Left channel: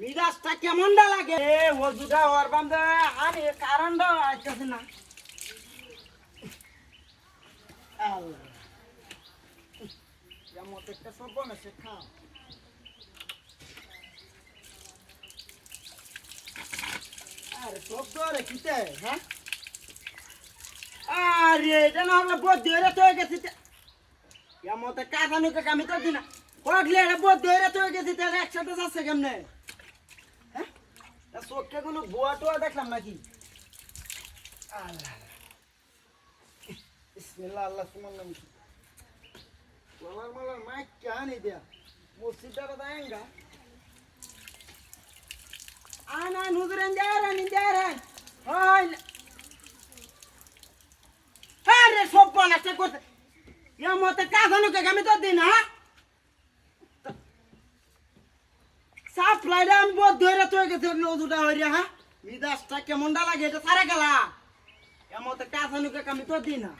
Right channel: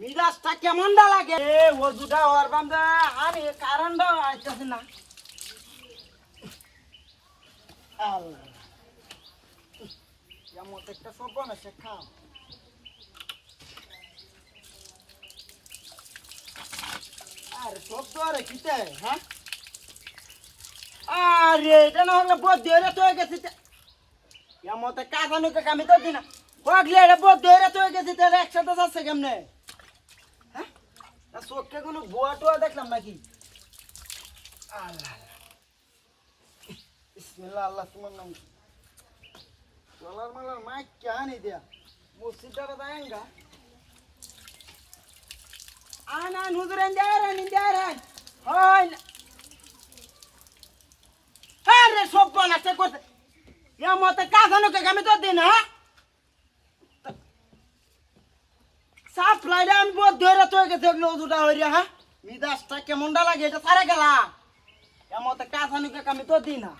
মিরাজটা কেমনটা লাগে ও দুটা ওর বান্ধে আমি কারণটা আইতেছি না আল্লাহ কেমন একটা সব বানাচ্ছে খাও আরে সব তো আরে কিতে হ্যাঁ আরে এটা না হলে বহুত ধরে তো হয়ে গেছে কেমন কাকানুকে আমি তো দিনা পগলে এটা বহুত ধরে তো হয়ে গেছে তাহলে একসাথে যাচ্ছে কেমনে হ্যাঁ চোখে কোনো বুয়া টুয়া দেখলাম নাকি আল্লাহ বিসমিল্লাহ আল্লাহ তোমার নাম মালার মাইক কেন দিয়া মসজিদটা দাঁড়া আনা নুজরেন দেয়ারেন হয় আরে সব বানাচ্ছে করতে ইয়া মতে কাজানুকে আমি তো দিন হ্যাঁ সাফ লাইলে আমি বহুত ধরে তো গেছে দুটা হইয়া হ্যাঁ মিদাসটা কেমনটা লাগে এটা সারা গেলা ইয়া মতে কাজানুকে আমি তো দিন না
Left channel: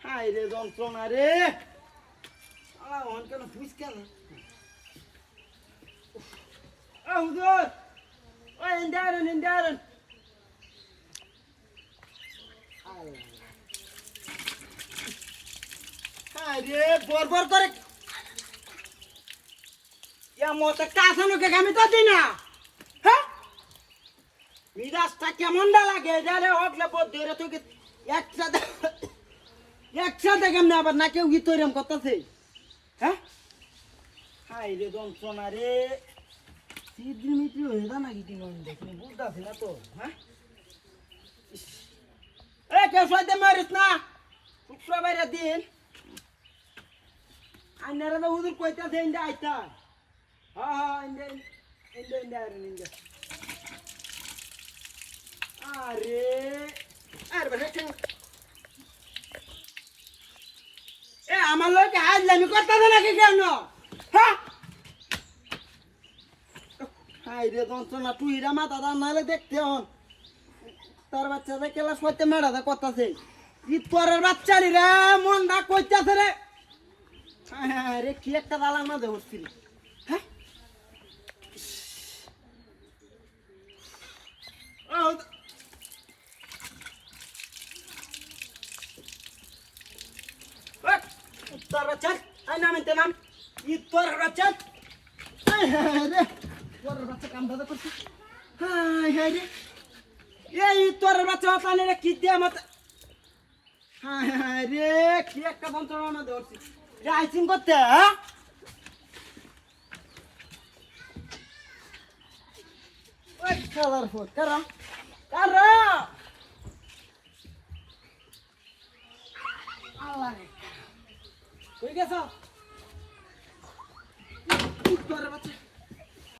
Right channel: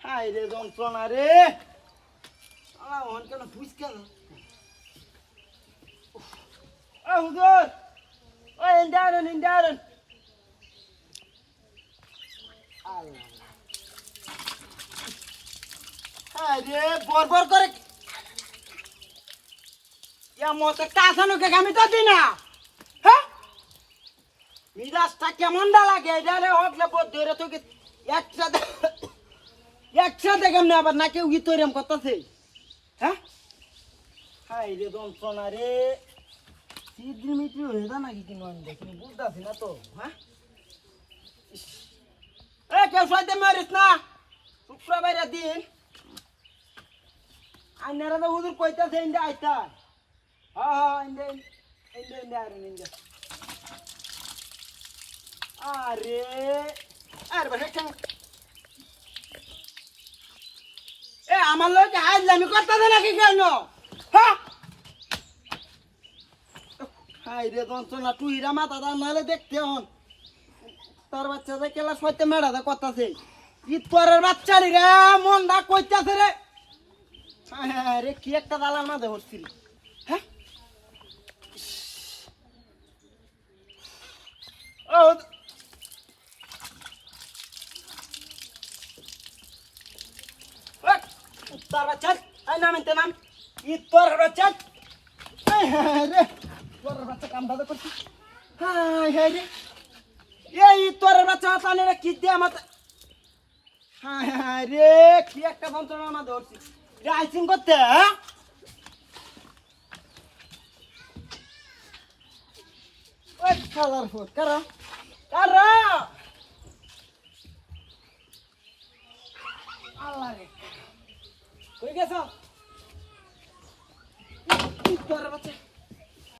হাই রে যন্ত্রণা রে হন কেন ফুস কেন ও হুজুর ও ইন্দারন আরে বরবর করে ইয়া মতে কাসানুকে আমি তো দিই না হ্যাঁ মিরাজটা কেমনটা লাগে এটা রে হকলে বহুত ধরে তো একসাথে কেমনে আবার না কেউ তৈরি করতেছে হ্যাঁ হাই রে যন্ত্রণা রে মিত্রি হয়ে যা নাকি কিনো আমি দেখি বুঝতেছি না তো হ্যাঁ এ কেউ সাইতে মারিস না শুক্রবারের দিন আইনারা তো হুজুর কইতাছে ইন্দা আইতা হ্যাঁ ইন্দা আরে আরে ভাই এ আমার লোক আজলামি করতেছে নাকি কেন হ্যাঁ হাই রে যন্ত্রণা তুই রা মাথা দা নাহলে দেখতে হন তোর বাচ্চা যে ক্লাস করতে মেড়াতে করতেছে ইতরের বাচ্চারি রে মন দা কইতাছে রে হ্যাঁ রে কি একটা দালার মাঝে হচ্ছিল হ্যাঁ ও তোর বাচ্চা আই নাম এতে নাম তোর বাচ্চা রে তোর বাচ্চা কাম ভালো করছি হ্যাঁ রে এই তোর বাচ্চা পানি রে কি দিয়ে মত হ্যাঁ রে কি একটা যন্ত্রণা না ধরছি রে আইসিং করতে হ্যাঁ ওই খালার ফুট কারা আল্লাহ রে কই গেছ তোর বাচ্চা